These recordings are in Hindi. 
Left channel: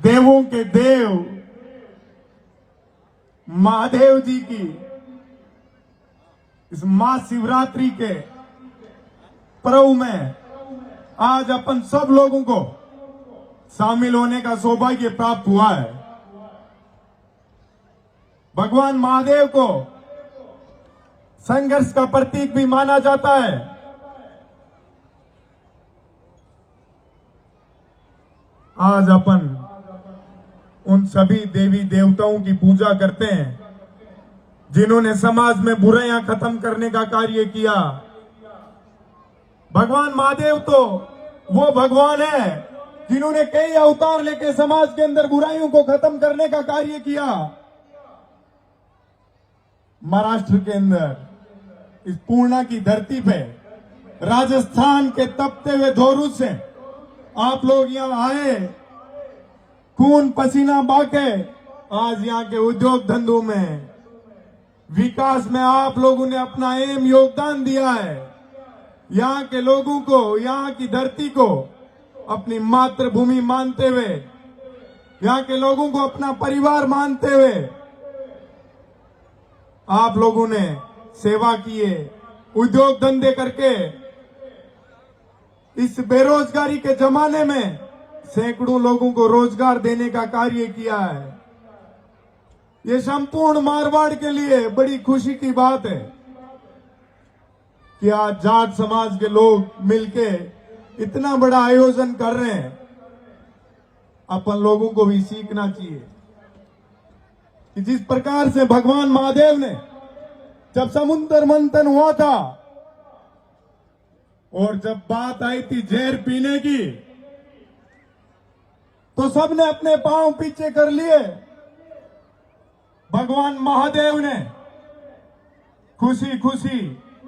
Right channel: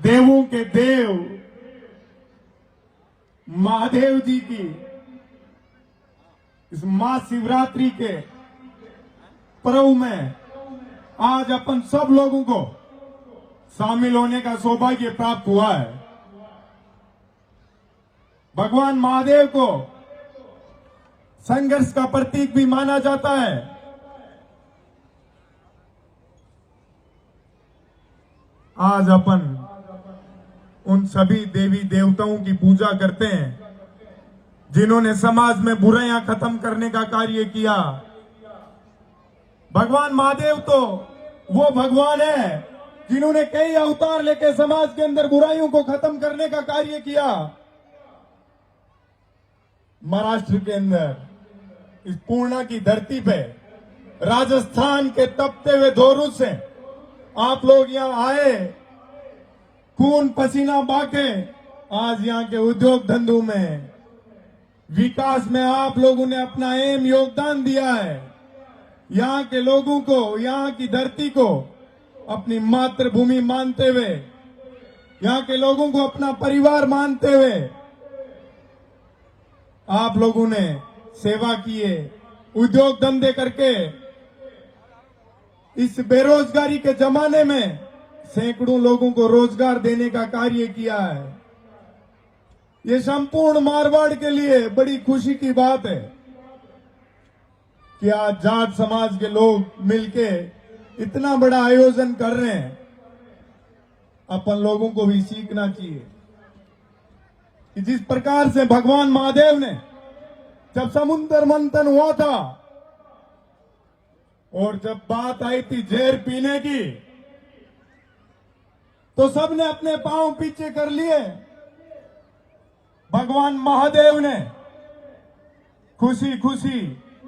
देवों के देव महादेव जी की इस महाशिवरात्रि के पर्व में आज अपन सब लोगों को शामिल होने का सौभाग्य प्राप्त हुआ है। भगवान महादेव को संघर्ष का प्रतीक भी माना जाता है। आज अपन उन सभी देवी देवताओं की पूजा करते हैं जिन्होंने समाज में बुराइयां खत्म करने का कार्य किया। भगवान महादेव तो वो भगवान है जिन्होंने कई अवतार लेके समाज के अंदर बुराइयों को खत्म करने का कार्य किया। महाराष्ट्र के अंदर इस पूर्णा की धरती पे राजस्थान के तपते हुए धोरू से आप लोग यहां आए, खून पसीना बहाके आज यहां के उद्योग धंधों में विकास में आप लोगों ने अपना अहम योगदान दिया है। यहां के लोगों को, यहां की धरती को अपनी मातृभूमि मानते हुए, यहां के लोगों को अपना परिवार मानते हुए आप लोगों ने सेवा किए, उद्योग धंधे करके इस बेरोजगारी के जमाने में सैकड़ों लोगों को रोजगार देने का कार्य किया है। ये संपूर्ण मारवाड़ के लिए बड़ी खुशी की बात है कि आज जाट समाज के लोग मिलके इतना बड़ा आयोजन कर रहे हैं। अपन लोगों को भी सीखना चाहिए कि जिस प्रकार से भगवान महादेव ने जब समुद्र मंथन हुआ था और जब बात आई थी जहर पीने की, तो सबने अपने पांव पीछे कर लिए। भगवान महादेव ने खुशी खुशी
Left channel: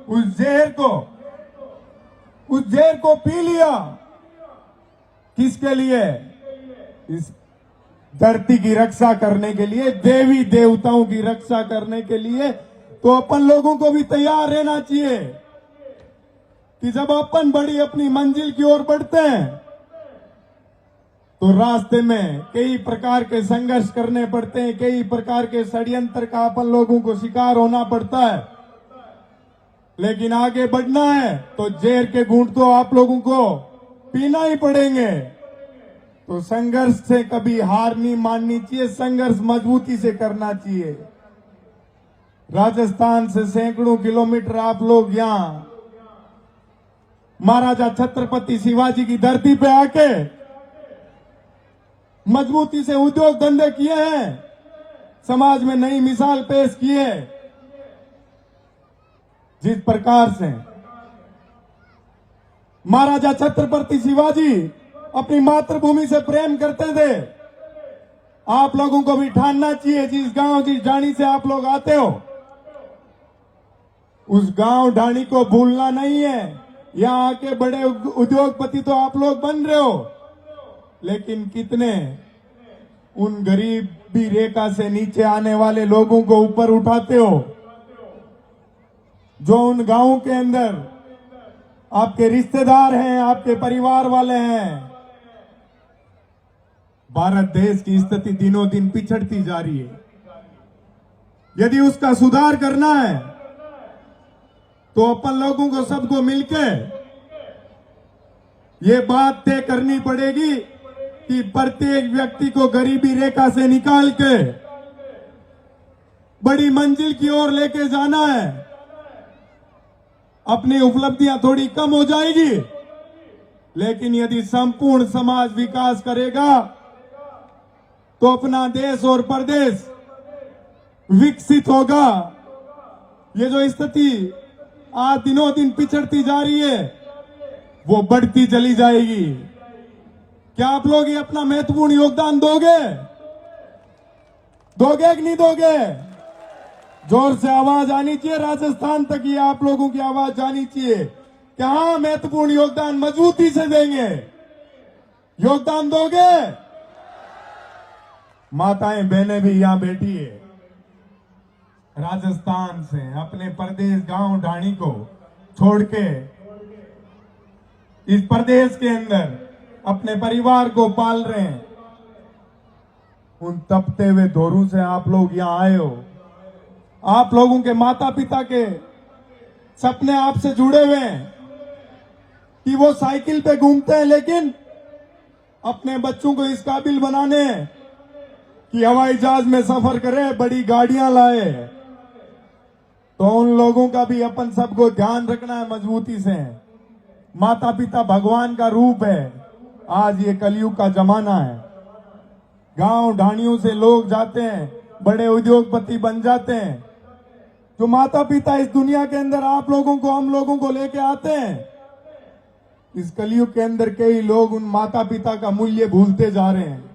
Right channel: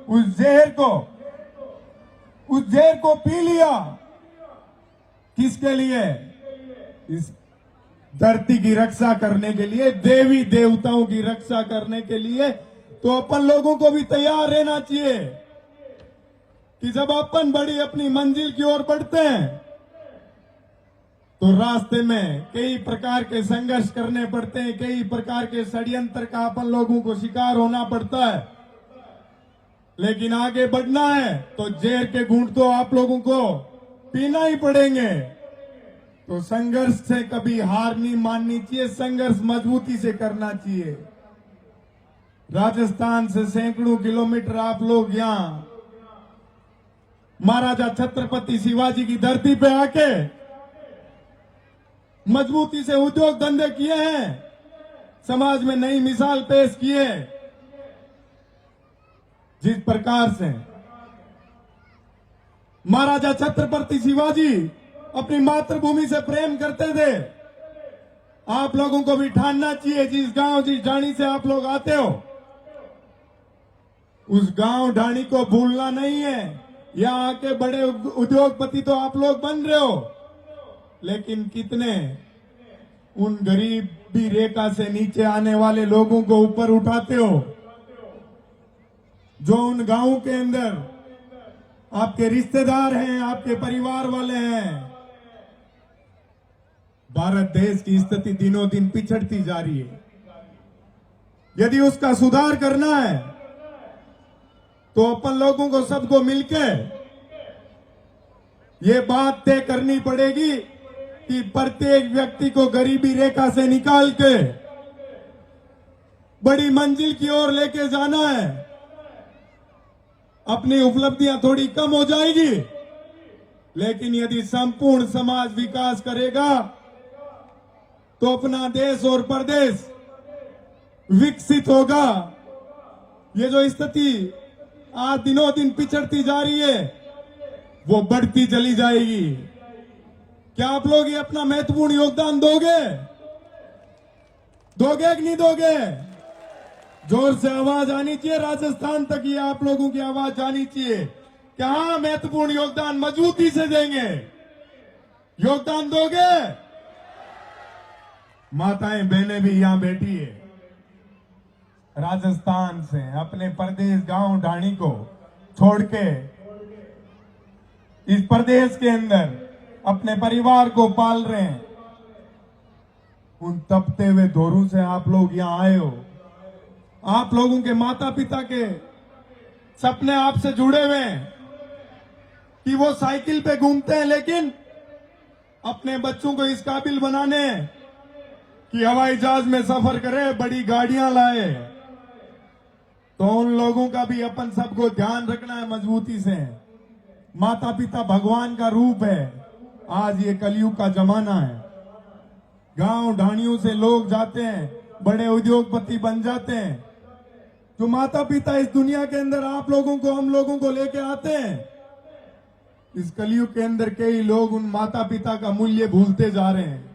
उस जहर को पी लिया। किसके लिए? इस धरती की रक्षा करने के लिए, देवी देवताओं की रक्षा करने के लिए। तो अपन लोगों को भी तैयार रहना चाहिए कि जब अपन बड़ी अपनी मंजिल की ओर बढ़ते हैं तो रास्ते में कई प्रकार के संघर्ष करने पड़ते हैं, कई प्रकार के षड्यंत्र का अपन लोगों को शिकार होना पड़ता है। लेकिन आगे बढ़ना है तो जहर के घूंट तो आप लोगों को पीना ही पड़ेंगे। तो संघर्ष से कभी हार नहीं माननी चाहिए, संघर्ष मजबूती से करना चाहिए। राजस्थान से सैकड़ों किलोमीटर आप लोग यहां महाराजा छत्रपति शिवाजी की धरती पे आके मजबूती से उद्योग धंधे किए हैं, समाज में नई मिसाल पेश की है। जिस प्रकार से महाराजा छत्रपति शिवाजी अपनी मातृभूमि से प्रेम करते थे, आप लोगों को भी ठानना चाहिए। जिस गांव, जिस ढाणी से आप लोग आते हो, उस गांव ढाणी को भूलना नहीं है। यहां आके बड़े उद्योगपति तो आप लोग बन रहे हो, लेकिन कितने उन गरीबी रेखा से नीचे आने वाले लोगों को ऊपर उठाते हो, जो उन गांवों के अंदर आपके रिश्तेदार हैं, आपके परिवार वाले हैं। भारत देश की स्थिति दिनों दिन पिछड़ती जा रही है। यदि उसका सुधार करना है तो अपन लोगों को, सबको मिलकर ये बात तय करनी पड़ेगी कि प्रत्येक व्यक्ति को गरीबी रेखा से निकाल के बड़ी मंजिल की ओर लेके जाना है। अपनी उपलब्धियां थोड़ी कम हो जाएगी, लेकिन यदि संपूर्ण समाज विकास करेगा तो अपना देश और प्रदेश विकसित होगा। ये जो स्थिति आज दिनों दिन पिछड़ती जा रही है, वो बढ़ती चली जाएगी। क्या आप लोग ये अपना महत्वपूर्ण योगदान दोगे? दोगे कि नहीं दोगे? जोर से आवाज आनी चाहिए, राजस्थान तक ये आप लोगों की आवाज जानी चाहिए कि हाँ, महत्वपूर्ण योगदान मजबूती से देंगे। योगदान दोगे? माताएं बहनें भी यहां बैठी है, राजस्थान से अपने प्रदेश गांव ढाणी को छोड़ के इस प्रदेश के अंदर अपने परिवार को पाल रहे हैं। उन तपते हुए दौरों से आप लोग यहां आए हो। आप लोगों के माता पिता के सपने आपसे जुड़े हुए हैं कि वो साइकिल पे घूमते हैं, लेकिन अपने बच्चों को इस काबिल बनाने कि हवाई जहाज में सफर करे, बड़ी गाड़ियां लाए। तो उन लोगों का भी अपन सबको ध्यान रखना है मजबूती से। माता पिता भगवान का रूप है। आज ये कलयुग का जमाना है। गांव ढाणियों से लोग जाते हैं, बड़े उद्योगपति बन जाते हैं। जो माता पिता इस दुनिया के अंदर आप लोगों को, हम लोगों को लेके आते हैं, इस कलयुग के अंदर कई लोग उन माता पिता का मूल्य भूलते जा रहे हैं।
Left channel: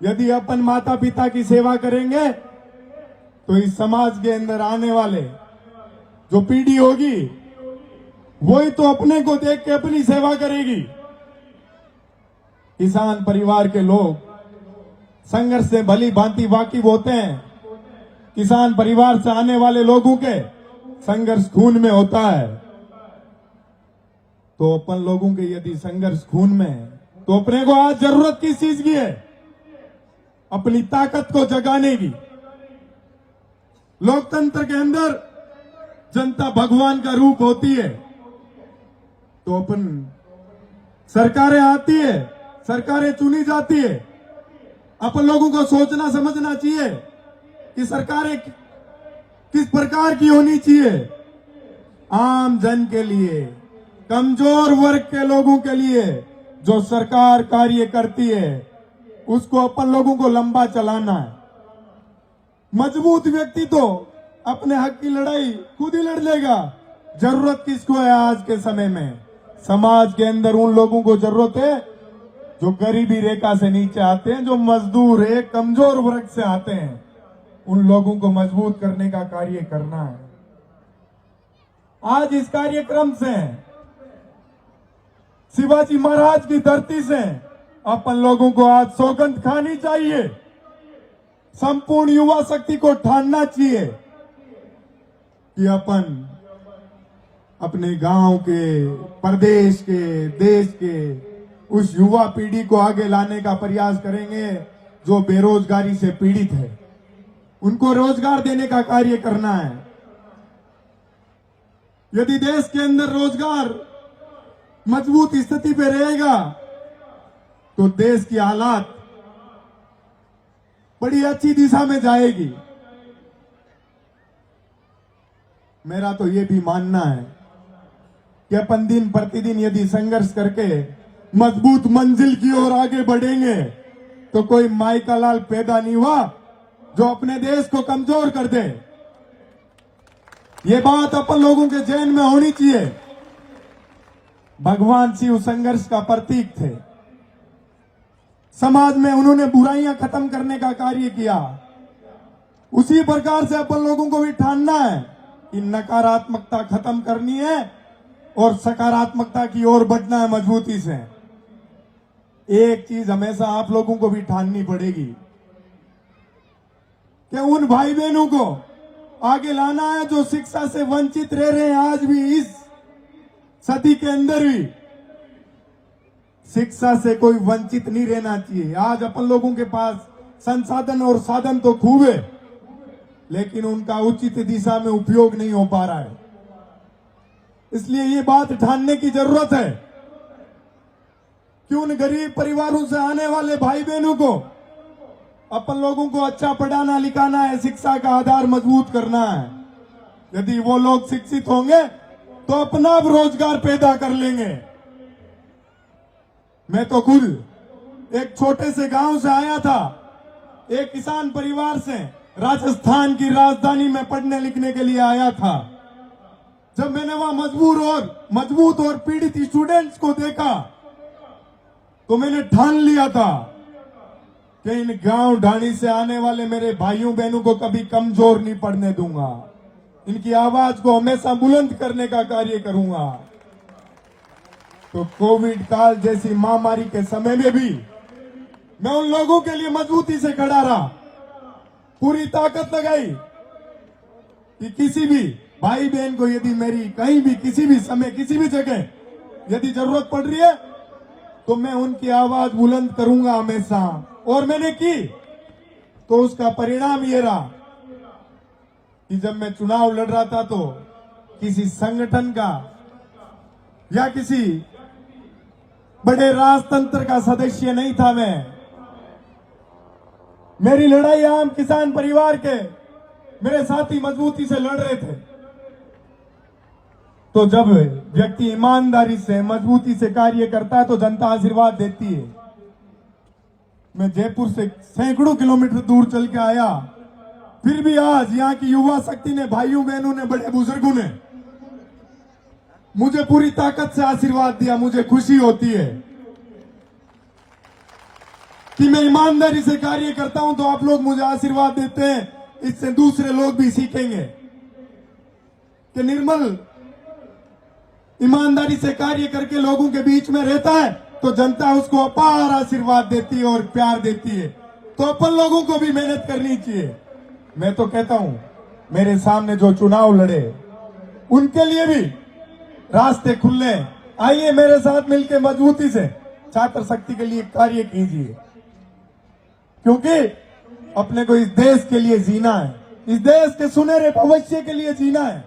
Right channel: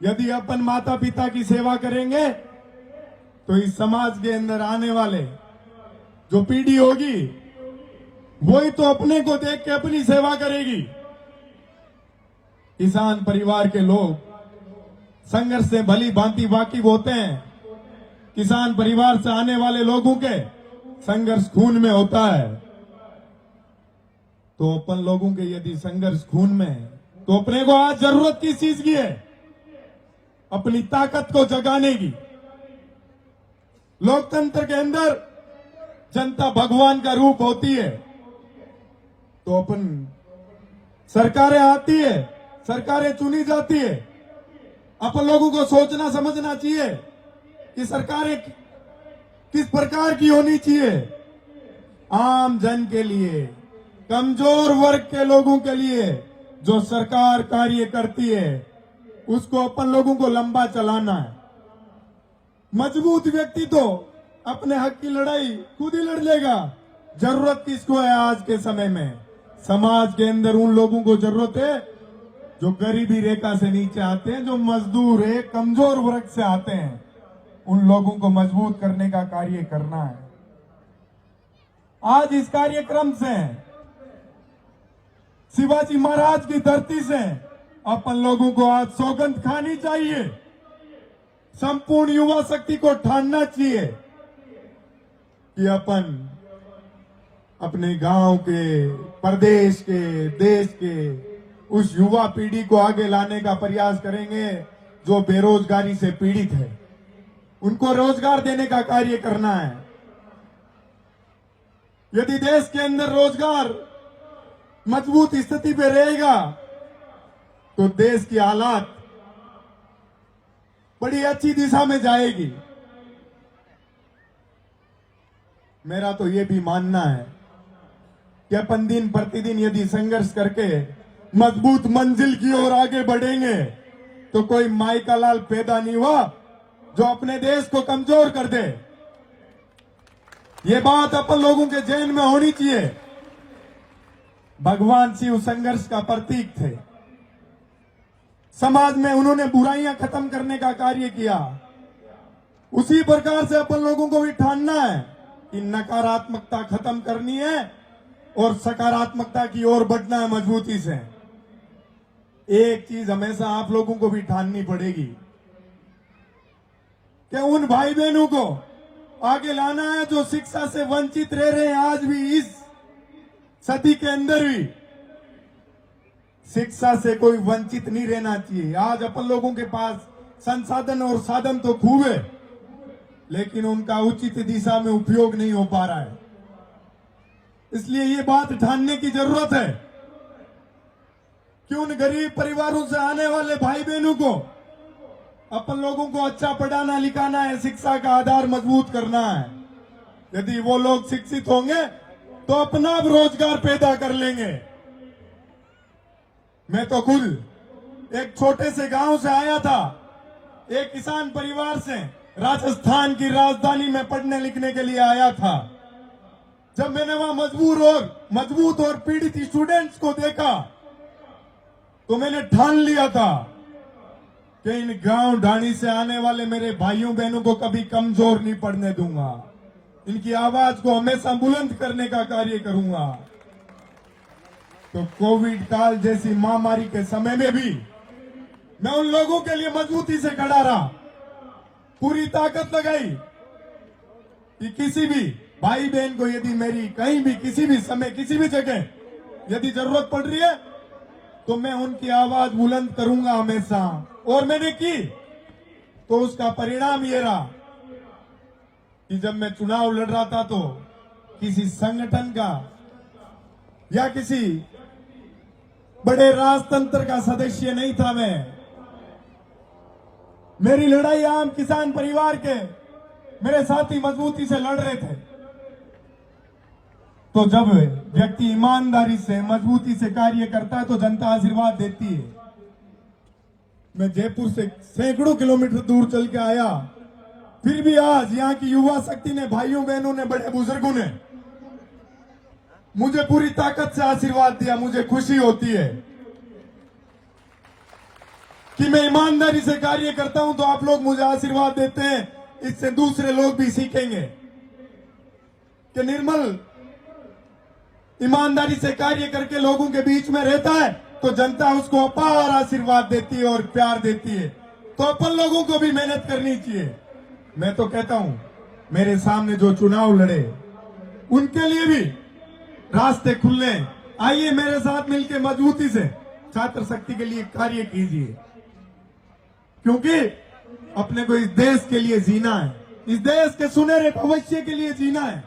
यदि अपन माता पिता की सेवा करेंगे तो इस समाज के अंदर आने वाले जो पीढ़ी होगी वही तो अपने को देख के अपनी सेवा करेगी। किसान परिवार के लोग संघर्ष से भली भांति वाकिफ होते हैं। किसान परिवार से आने वाले लोगों के संघर्ष खून में होता है। तो अपन लोगों के यदि संघर्ष खून में है तो अपने को आज जरूरत किस चीज की है? अपनी ताकत को जगाने की। लोकतंत्र के अंदर जनता भगवान का रूप होती है। तो अपन सरकारें आती है, सरकारें चुनी जाती है। अपन लोगों को सोचना समझना चाहिए कि सरकारें किस प्रकार की होनी चाहिए। आम जन के लिए, कमजोर वर्ग के लोगों के लिए जो सरकार कार्य करती है उसको अपन लोगों को लंबा चलाना है। मजबूत व्यक्ति तो अपने हक की लड़ाई खुद ही लड़ लेगा। जरूरत किसको है आज के समय में? समाज के अंदर उन लोगों को जरूरत है जो गरीबी रेखा से नीचे आते हैं, जो मजदूर है, कमजोर वर्ग से आते हैं। उन लोगों को मजबूत करने का कार्य करना है। आज इस कार्यक्रम से शिवाजी महाराज की धरती से अपन लोगों को आज सौगंध खानी चाहिए। संपूर्ण युवा शक्ति को ठानना चाहिए कि अपन अपने गांव के, प्रदेश के, देश के उस युवा पीढ़ी को आगे लाने का प्रयास करेंगे जो बेरोजगारी से पीड़ित है। उनको रोजगार देने का कार्य करना है। यदि देश के अंदर रोजगार मजबूत स्थिति पे रहेगा तो देश की हालात बड़ी अच्छी दिशा में जाएगी। मेरा तो ये भी मानना है कि अपन दिन प्रतिदिन यदि संघर्ष करके मजबूत मंजिल की ओर आगे बढ़ेंगे तो कोई माई का लाल पैदा नहीं हुआ जो अपने देश को कमजोर कर दे। ये बात अपन लोगों के जहन में होनी चाहिए। भगवान शिव संघर्ष का प्रतीक थे। समाज में उन्होंने बुराइयां खत्म करने का कार्य किया। उसी प्रकार से अपन लोगों को भी ठानना है कि नकारात्मकता खत्म करनी है और सकारात्मकता की ओर बढ़ना है मजबूती से। एक चीज हमेशा आप लोगों को भी ठाननी पड़ेगी कि उन भाई बहनों को आगे लाना है जो शिक्षा से वंचित रह रहे हैं। आज भी इस सदी के अंदर भी शिक्षा से कोई वंचित नहीं रहना चाहिए। आज अपन लोगों के पास संसाधन और साधन तो खूब है, लेकिन उनका उचित दिशा में उपयोग नहीं हो पा रहा है। इसलिए ये बात ठानने की जरूरत है कि उन गरीब परिवारों से आने वाले भाई बहनों को अपन लोगों को अच्छा पढ़ाना लिखाना है, शिक्षा का आधार मजबूत करना है। यदि वो लोग शिक्षित होंगे तो अपना रोजगार पैदा कर लेंगे। मैं तो खुद एक छोटे से गांव से आया था, एक किसान परिवार से राजस्थान की राजधानी में पढ़ने लिखने के लिए आया था। जब मैंने वहां मजबूत और पीड़ित स्टूडेंट्स को देखा तो मैंने ठान लिया था कि इन गांव ढाणी से आने वाले मेरे भाइयों बहनों को कभी कमजोर नहीं पड़ने दूंगा। इनकी आवाज को हमेशा बुलंद करने का कार्य करूंगा। तो कोविड काल जैसी महामारी के समय में भी मैं उन लोगों के लिए मजबूती से खड़ा रहा, पूरी ताकत लगाई कि किसी भी भाई बहन को यदि मेरी कहीं भी किसी भी समय किसी भी जगह यदि जरूरत पड़ रही है तो मैं उनकी आवाज बुलंद करूंगा हमेशा। और मैंने की। तो उसका परिणाम ये रहा कि जब मैं चुनाव लड़ रहा था तो किसी संगठन का या किसी बड़े राजतंत्र का सदस्य नहीं था मैं। मेरी लड़ाई आम किसान परिवार के मेरे साथी मजबूती से लड़ रहे थे। तो जब व्यक्ति ईमानदारी से मजबूती से कार्य करता है तो जनता आशीर्वाद देती है। मैं जयपुर से सैकड़ों किलोमीटर दूर चल के आया, फिर भी आज यहाँ की युवा शक्ति ने, भाइयों बहनों ने, बड़े बुजुर्गों ने मुझे पूरी ताकत से आशीर्वाद दिया। मुझे खुशी होती है कि मैं ईमानदारी से कार्य करता हूं तो आप लोग मुझे आशीर्वाद देते हैं। इससे दूसरे लोग भी सीखेंगे कि निर्मल ईमानदारी से कार्य करके लोगों के बीच में रहता है तो जनता उसको अपार आशीर्वाद देती है और प्यार देती है। तो अपन लोगों को भी मेहनत करनी चाहिए। मैं तो कहता हूं मेरे सामने जो चुनाव लड़े उनके लिए भी रास्ते खुले। आइए मेरे साथ मिलकर मजबूती से छात्र शक्ति के लिए कार्य कीजिए, क्योंकि अपने को इस देश के लिए जीना है, इस देश के सुनहरे भविष्य के लिए जीना है।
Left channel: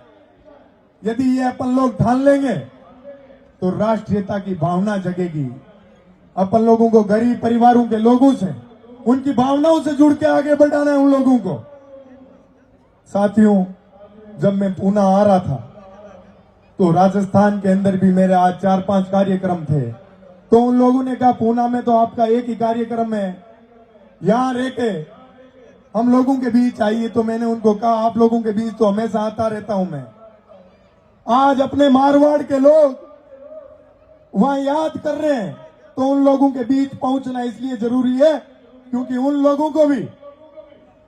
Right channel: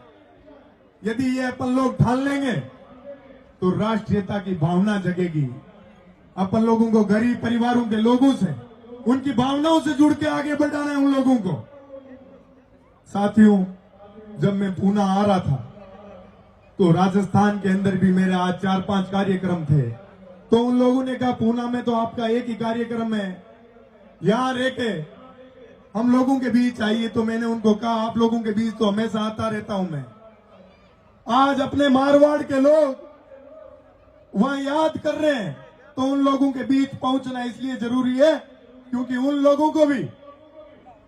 यदि ये अपन लोग ठान लेंगे तो राष्ट्रीयता की भावना जगेगी। अपन लोगों को गरीब परिवारों के लोगों से, उनकी भावनाओं से जुड़ के आगे बढ़ाना है उन लोगों को। साथियों, जब मैं पूना आ रहा था तो राजस्थान के अंदर भी मेरे आज 4-5 कार्यक्रम थे। तो उन लोगों ने कहा पूना में तो आपका एक ही कार्यक्रम है, यहां रह के हम लोगों के बीच आइए। तो मैंने उनको कहा आप लोगों के बीच तो हमेशा आता रहता हूं मैं। आज अपने मारवाड़ के लोग वहां याद कर रहे हैं तो उन लोगों के बीच पहुंचना इसलिए जरूरी है क्योंकि उन लोगों को भी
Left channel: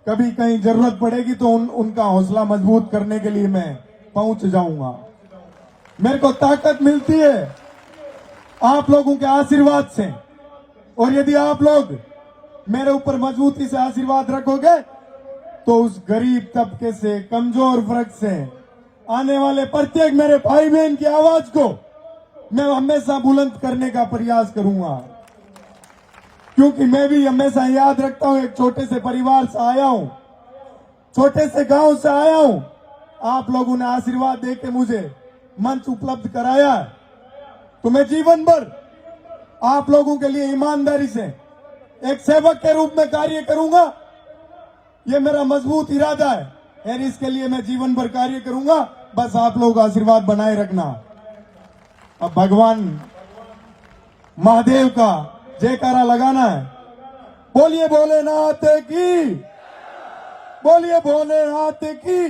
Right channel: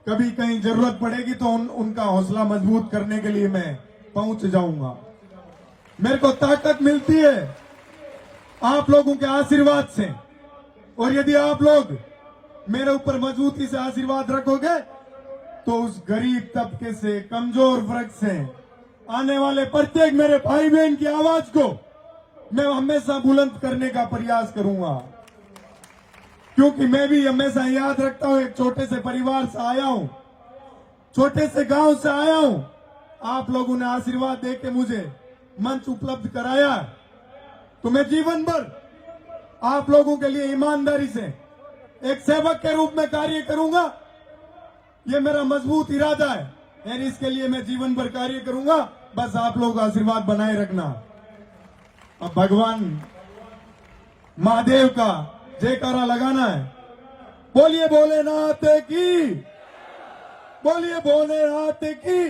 कभी कहीं जरूरत पड़ेगी तो उनका हौसला मजबूत करने के लिए मैं पहुंच जाऊंगा। मेरे को ताकत मिलती है आप लोगों के आशीर्वाद से, और यदि आप लोग मेरे ऊपर मजबूती से आशीर्वाद रखोगे तो उस गरीब तबके से, कमजोर वर्ग से आने वाले प्रत्येक मेरे भाई बहन की आवाज को मैं हमेशा बुलंद करने का प्रयास करूंगा। क्योंकि मैं भी हमेशा याद रखता हूं एक छोटे से परिवार से आया हूं, छोटे से गांव से आया हूं। आप लोगों ने आशीर्वाद देके मुझे मंच उपलब्ध कराया, तो मैं जीवन भर आप लोगों के लिए ईमानदारी से एक सेवक के रूप में कार्य करूंगा। ये मेरा मजबूत इरादा है और इसके लिए मैं जीवन भर कार्य करूंगा। बस आप लोग आशीर्वाद बनाए रखना। अब भगवान महादेव का जयकारा लगाना है। बोलिए भोलेनाथ की, बोलिए भोलेनाथ की।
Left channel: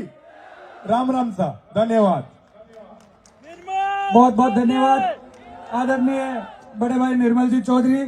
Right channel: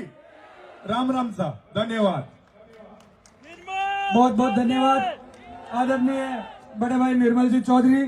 राम राम साहब, धन्यवाद। बहुत बहुत धन्यवाद आदरणीय बड़े भाई निर्मल जी चौधरी।